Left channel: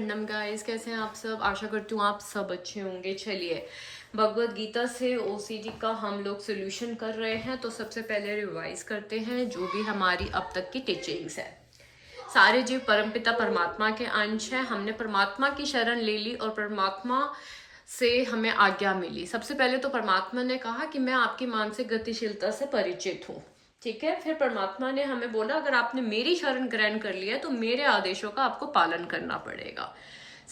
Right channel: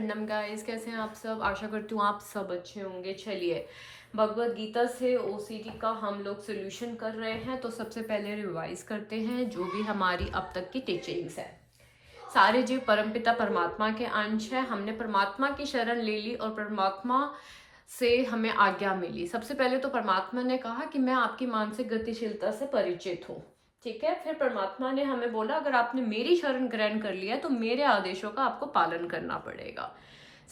नम guys, कैसे हैं आप सब। आशा करती हूँ आप सब अच्छे होंगे। चलिए, भगवत गीता से ओसीडी का हम लोग सोल्यूशन कर रहे हैं। तो सबसे पहले रिवाइज करते हैं जो भी हमारी अब तक की टीचिंग्स है। सारे जीव परमपिता परमात्मा के अंश है। हमने परमात्मा की शरण ले ली और परमात्मा से हमें आज्ञा मिली। सबसे पहले तो परमात्मा ने कहा कि मैं आपकी मानसिक गतिशीलता से परिचित हूँ, ठीक है। फिर परमात्मा ने हमें बोला अगर आपने मेरी शरण ग्रहण कर लिया तो मेरे आदेशों का आपको पालन करना पड़ेगा।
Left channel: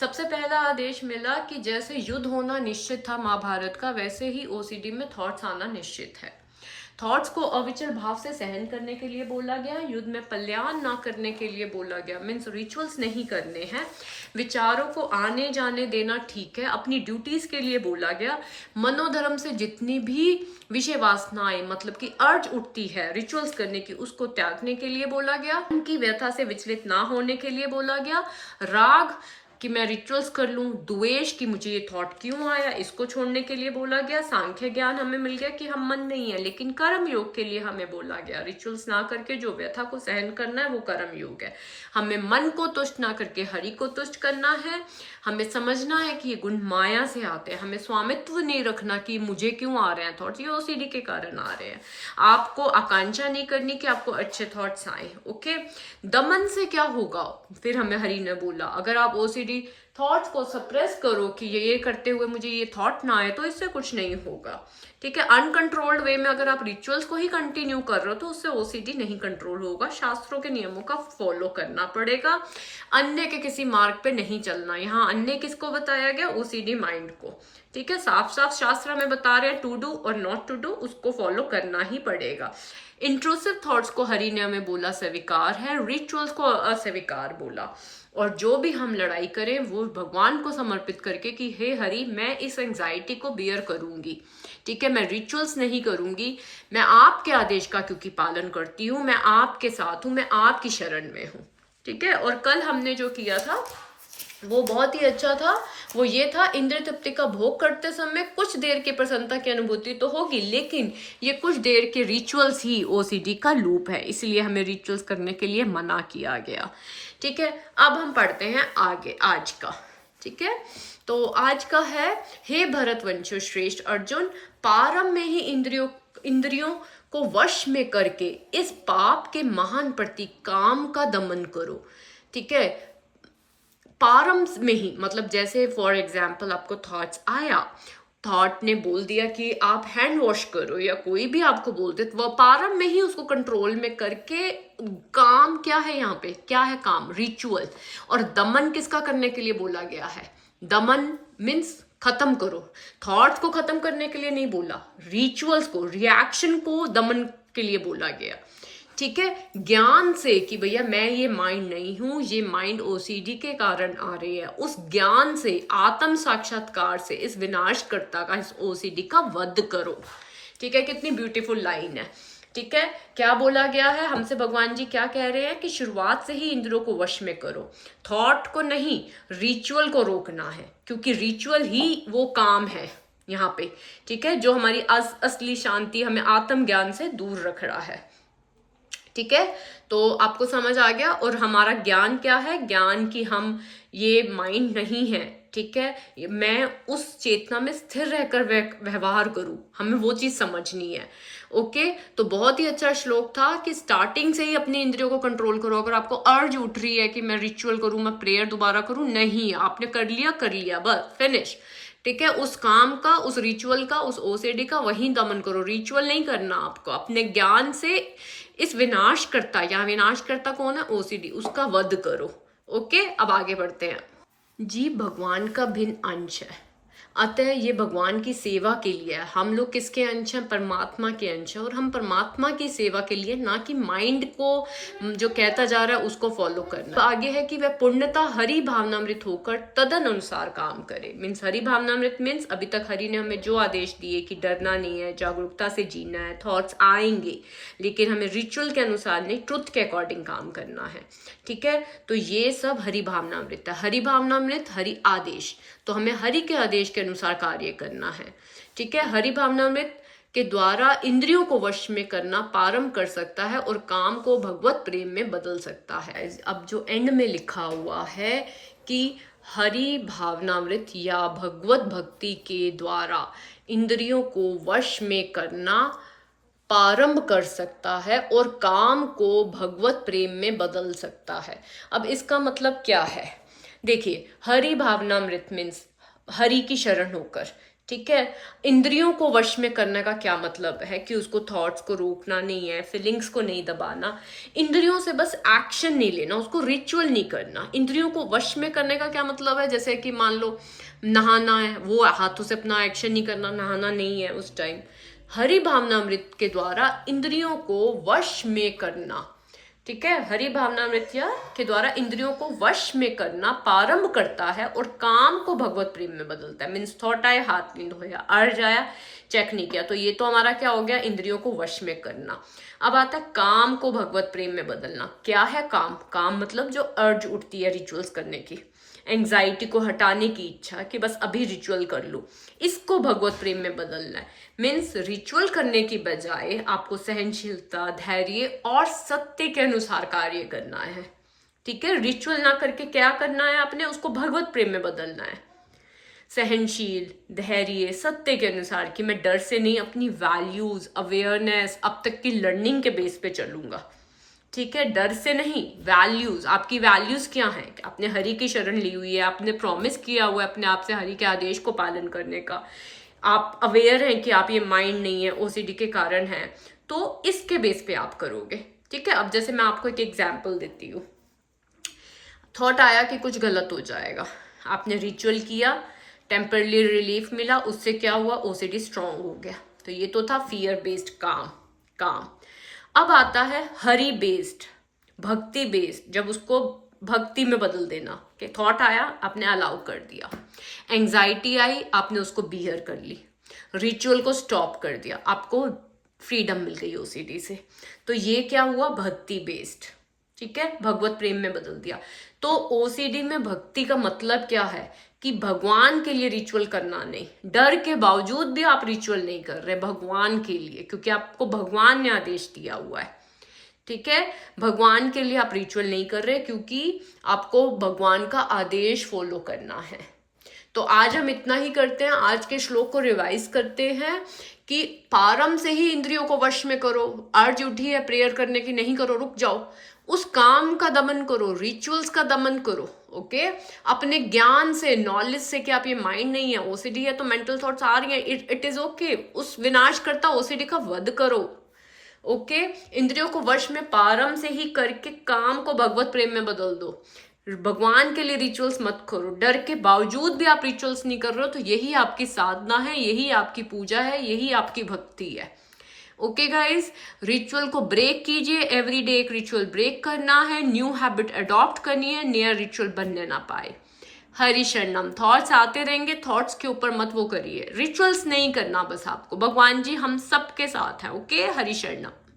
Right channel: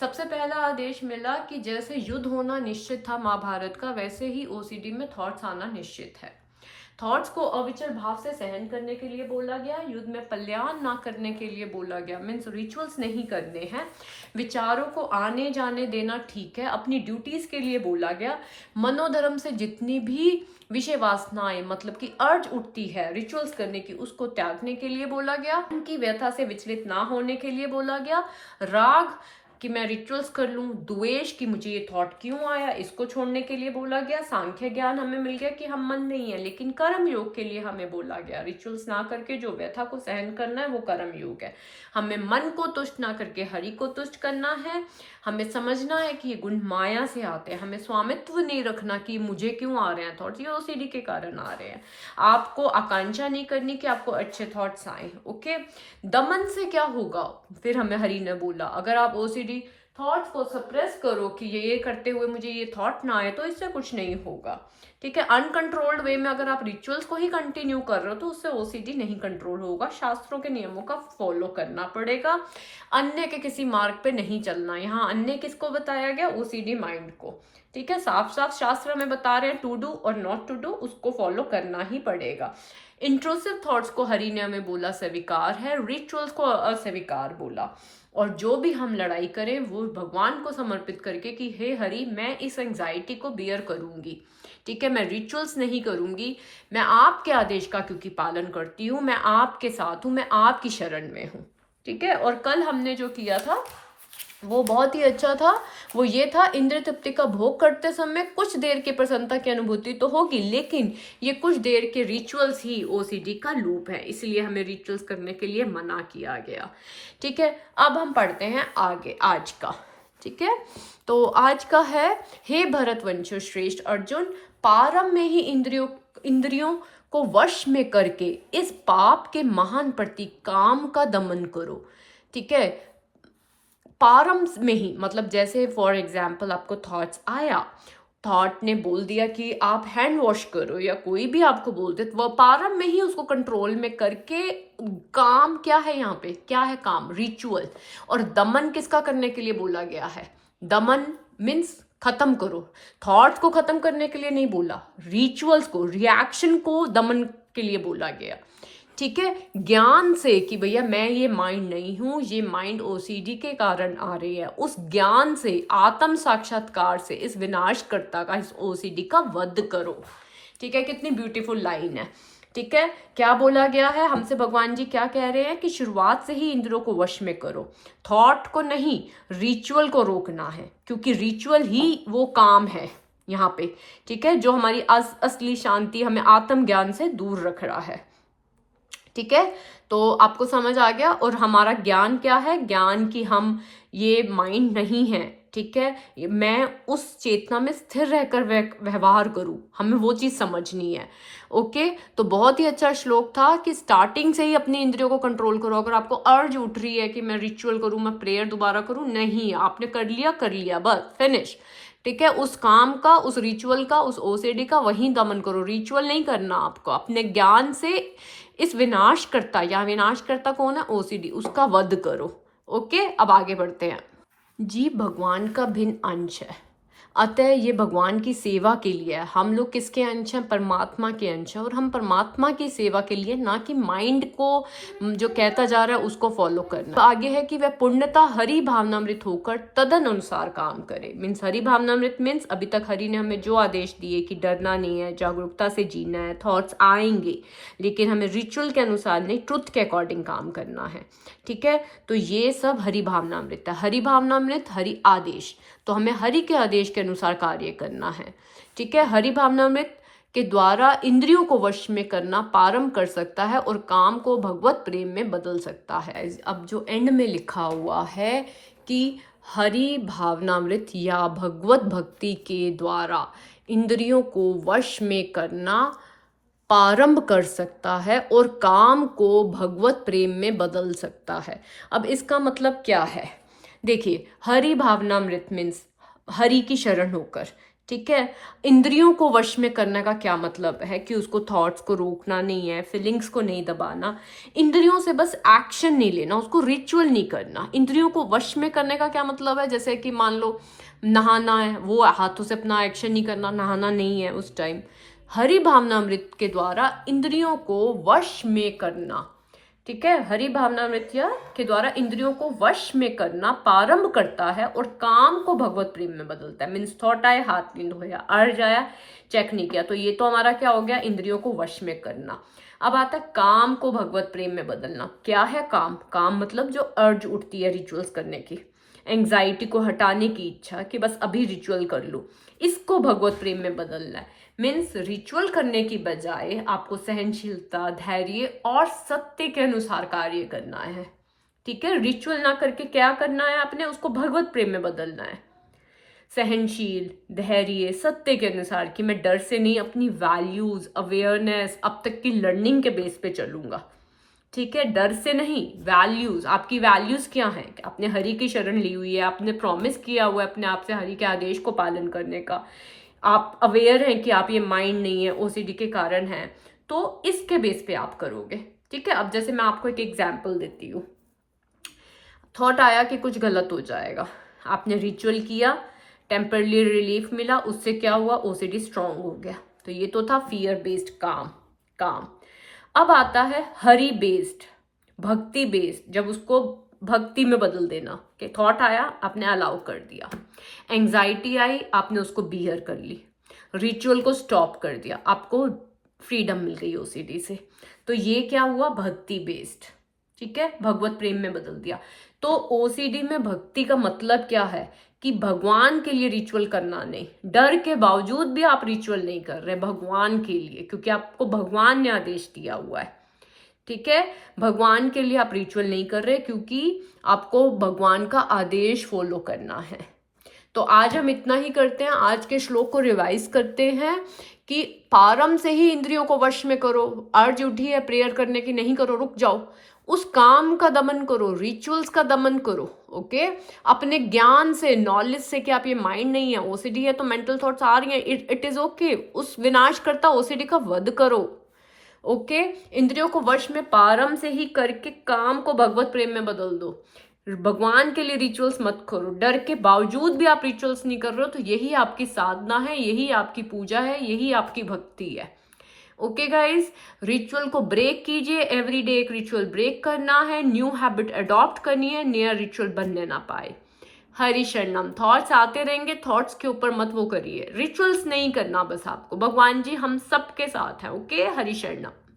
सबसे पहला आदेश मिला कि जैसे युद्ध होना निश्चित था महाभारत का, वैसे ही ओसीडी में थॉट्स आना निश्चित है। थॉट्स को अविचल भाव से सहन करने के लिए बोला गया। युद्ध में पल्याण ना करने के लिए बोला गया, मीन्स रिचुअल्स नहीं करने हैं। विचारों को आने जाने देना ठीक है, अपनी ड्यूटीज के लिए बोला गया। मनोधर्म से जितनी भी विषय वासनाएं मतलब कि अर्ज उठती है रिचुअल्स करने की, उसको त्यागने के लिए बोला गया। उनकी व्यथा से विचलित ना होने के लिए बोला गया। राग कि मैं रिचुअल्स कर लूं, द्वेष कि मुझे ये थॉट क्यों आया, इसको छोड़ने के लिए बोला गया। सांख्य ज्ञान हमें मिल गया कि हम मन नहीं है, लेकिन कर्म योग के लिए हमें बोला गया। रिचुअल्स ना करके जो व्यथा को सहन करना है वो कर्म योग है। हमें मन को तुष्ट ना करके हरि को तुष्ट करना है। हमें समझना है कि ये गुण माया से आते हैं। हमें स्वामित्व नहीं रखना कि मुझे क्यों आ रहे हैं थॉट्स, ये ओसीडी के कारण आ रहे हैं। आपको आकांक्षा नहीं करनी कि आपको अच्छे थॉट्स आए, ओके। दमन से क्या होगा, फिर हमें हरि ने बोला अगर आप ओसीडी थॉट्स को सप्रेस करो कि ये करते हुए मुझे ये थॉट ना आए, तो इससे कुछ नहीं होगा, ठीक है। अनकंट्रोल्ड वे में अगर आप रिचुअल्स को ही कंटिन्यू कर रहे हो तो उससे ओसीडी नहीं कंट्रोल होगा। शास्त्रों के नियमों का फॉलो करना पड़ेगा। अन्य के किसी मार्ग पे नहीं चलना। यहाँ अन्य किसको बताया गया, ओसीडी माइंड को, ठीक है। साफ साफ शास्त्र में बता रहे हैं टू डू और नॉट टू डू, उसको फॉलो करना ही पड़ेगा। इंट्रूसिव थॉट्स को हरि ने हमें बोला स्वीकार है, रिचुअल्स को अस्वीकार बोला। और जो भी हम लड़ाई करें वो भगवान को समर्पित करके कि हे हरि मैं इस एंजाइटी को बियर करूंगी, ठीक है। मैं रिचुअल्स नहीं करूंगी, मैं आपके आदेश का क्योंकि पालन करती हूँ, मैं आपके साथ हूँ, मैं आपकी शरण में हूँ, ठीक है। और कल हमने जो किया था वो बहुत ही अच्छा था। वो ये था इंद्रिय तृप्ति का भोग करते समय कुछ देर की प्रसन्नता की अनुभूति तो होगी, लेकिन ये कुछ देर के रिचुअल्स ही ओसीडी का लूप है, इसलिए हमें रिचुअल्स करने के लिए मना किया गया, ठीक है। अब हम पढ़ते हैं आगे आज का, ठीक है। तो आज का है, हे भरतवंश श्रेष्ठ अर्जुन, पारम में ही इंद्रियों को वश में करके इस पाप के महान प्रतीक काम का दमन करो, ठीक है। पारम में ही मतलब जैसे फॉर एग्जाम्पल आपको थॉट्स आया, थॉट ने बोल दिया कि आप हैंड वॉश करो या कोई भी आपको बोल दे, तो वह पारम में ही उसको कंट्रोल में करके काम क्या है, यहाँ पे क्या है काम, रिचुअल। और दमन किसका करने के लिए बोला गया है, दमन मीन्स खत्म करो। थॉट्स को खत्म करने के लिए नहीं बोला, रिचुअल्स को, रिएक्शन को दमन के लिए बोला गया, ठीक है। ज्ञान से कि भैया मैं ये माइंड नहीं हूं, ये माइंड ओसीडी के कारण आ रही है, उस ज्ञान से, आत्म साक्षात्कार से इस विनाशकर्ता का, इस ओसीडी का वध करो, ठीक है। कितनी ब्यूटीफुल लाइन है, ठीक है। क्या बोला गया है हमसे, भगवान जी क्या कह रहे हैं कि शुरुआत से ही इंद्रियों को वश में करो, थॉट को नहीं, रिचुअल को रोकना है, क्योंकि रिचुअल ही वो काम है यहाँ पे, ठीक है, जो हमारी असली शांति, हमें आत्म ज्ञान से दूर रख रहा है, ठीक है। तो आपको समझ आ गया। और हमारा ज्ञान क्या है, ज्ञान की हम ये माइंड नहीं है, ठीक है, मैं उस चेतना में स्थिर रहकर व्यवहार करूं, हमें वो चीज समझनी है, ओके। तो बहुत ही अच्छा श्लोक था कि स्टार्टिंग से ही अपनी इंद्रियों को कंट्रोल करो। अगर आपको अर्ज उठ रही है कि मैं रिचुअल करूं, मैं प्रेयर दोबारा करूं, नहीं, आपने कर लिया बस फिनिश, ठीक है। उस काम का, उस रिचुअल का, उस ओसीडी का वही दमन करो। रिचुअल नहीं करना आपको, अपने ज्ञान से इस विनाशकर्ता, या विनाशकर्ता कौन है, ओसीडी, उसका वध करो, ओके। अब आगे बढ़ते हैं। जीव भगवान का भिन्न अंश है, अतः ये भगवान की सेवा के लिए है। हम लोग किसके अंश हैं, परमात्मा के अंश हैं, और हम परमात्मा की सेवा के लिए, ना कि माइंड को जो कहता जा रहा है उसको फॉलो करना। तो आगे है कि वह पूर्णता हरि भावनामृत होकर तदन अनुसार काम करे। मीन्स हरि भावनामृत मीन्स अभी तक हरि ने हमें जो आदेश दिए कि डरना नहीं है, जागरूकता से जीना है, थॉट्स आएंगे, लेकिन हमें रिचुअल के अनुसार नहीं, ट्रुथ के अकॉर्डिंग काम करना है, ठीक है। तो ये सब हरि भावनामृत है। हरि भावनामृत, हरि आदेश, तो हमें हरि के आदेश के अनुसार कार्य करना है, ठीक है। हरि भावनामृत के द्वारा इंद्रियों को वश में करना पारम कर सकता है और काम को भगवत प्रेम में बदल सकता है। अब जो एंड में लिखा हुआ है कि हरि भावनामृत या भगवत भक्ति के द्वारा इंद्रियों को वश में करना प्रारंभ कर सकता है और काम को भगवत प्रेम में बदल सकता है। अब इसका मतलब क्या है? देखिए, हरि भावनामृत मीन्स हरि की शरण होकर, ठीक है। इंद्रियों को वश में करने का क्या मतलब है कि उसको थॉट्स को रोकना नहीं है, फीलिंग्स को नहीं दबाना, इंद्रियों से बस एक्शन नहीं लेना, उसको रिचुअल नहीं करना। इंद्रियों को वश में करने का क्या मतलब है? जैसे कि मान लो नहाना है, वो हाथों से अपना एक्शन नहीं करना, नहाना नहीं है उस टाइम। हरि भावनामृत के द्वारा इंद्रियों को वश में करना, ठीक है, हरि भावनामृत के द्वारा इंद्रियों को वश में करना प्रारंभ करता है और काम को भगवत प्रेम में बदलता है। मीन्स थॉट आए, हाथ नहीं धोया, अर्ज आया, चेक नहीं किया, तो ये तो हमारा क्या हो गया? इंद्रियों को वश में करना। अब आता है काम को भगवत प्रेम में बदलना। क्या है काम? काम मतलब जो अर्ज उठती है रिचुअल्स करने की, एंग्जाइटी को हटाने की इच्छा कि बस अभी रिचुअल कर लो, इसको भगवत प्रेम में बदलना है। मीन्स रिचुअल करने की बजाय आपको सहनशीलता, धैर्य और सत्य के अनुसार कार्य करना है, ठीक है। रिचुअल ना करके क्या करना है आपने? उसको भगवत प्रेम में बदलना है। सहनशील, धैर्य, सत्य के अनुसार कि मैं डर से नहीं, अपनी वैल्यूज, अवेयरनेस, अब तक की लर्निंग के बेस पे चलूंगा, ठीक है। डर से नहीं, वैल्यूज, आपकी वैल्यूज क्या हैं? आपने हरि की शरण ली हुई है, आपने प्रॉमिस किया हुआ है अपने आप से हरि के आदेश को पालन करने का, आप अवेयर हैं कि आप ये माइंड नहीं है, ओसीडी के कारण है, तो इसके बेस पे आप करोगे, ठीक है। अब जैसे मैं आपको एक एग्जांपल देती हूँ। थॉट आया कि कुछ गलत हो जाएगा, आपने रिचुअल किया, टेम्परली रिलीफ मिला, उससे क्या हुआ? ओसीडी स्ट्रांग हो गया। तो ये तो था फियर बेस्ड काम। अब आता है हरि बेस्ड, भक्ति बेस्ड, जब उसको भक्ति में बदल देना कि थॉट आया, आपने अलाउ कर दिया, एंग्जाइटी आई, आपने उसको बियर कर ली, रिचुअल को स्टॉप कर दिया, आपको फ्रीडम मिल गई ओसीडी से। तो ये क्या हुआ? भक्ति बेस्ड, ठीक है, भगवत प्रेम में बदल दिया। तो ओसीडी में भक्ति का मतलब क्या है? कि भगवान के लिए रिचुअल करना नहीं, डर के बावजूद भी आप रिचुअल नहीं कर रहे भगवान के लिए, क्योंकि आपको भगवान ने आदेश दिया हुआ है, ठीक है। भगवान के लिए आप रिचुअल नहीं कर रहे क्योंकि आपको भगवान का आदेश फॉलो करना है। तो आज हम इतना ही करते हैं, आज के श्लोक को रिवाइज करते हैं कि प्रारंभ से ही इंद्रियों को वश में करो। अर्ज उठी है प्रेयर करने की, नहीं करो, रुक जाओ, उस काम का दमन करो, रिचुअल्स का दमन करो, ओके। अपने ज्ञान से, नॉलेज से कि आप ये माइंड नहीं है, ओसीडी है तो मेंटल थॉट्स आ रही हैं, इट इज ओके, उस विनाश करता ओसीडी का वध करो, ओके। इंद्रियों को वश में प्रारंभ से ही करके काम को भगवत प्रेम में बदल दो। भगवान के लिए रिचुअल्स मत करो, डर के बावजूद भी आप रिचुअल्स नहीं कर रहे हो, तो यही आपकी साधना है, यही आपकी पूजा है, यही आपकी भक्ति है, ओके गाइज। रिचुअल को ब्रेक कीजिए, एवरीडे एक रिचुअल ब्रेक करना है, न्यू हैबिट अडॉप्ट करनी है, नया रिचुअल बनने ना पाए। हरि शरणम। थॉट्स आते रहेंगे, थॉट्स के ऊपर मत वो करिए, रिचुअल्स नहीं करना बस आपको, भगवान जी हम सबके साथ हैं, ओके। हरि शरणम।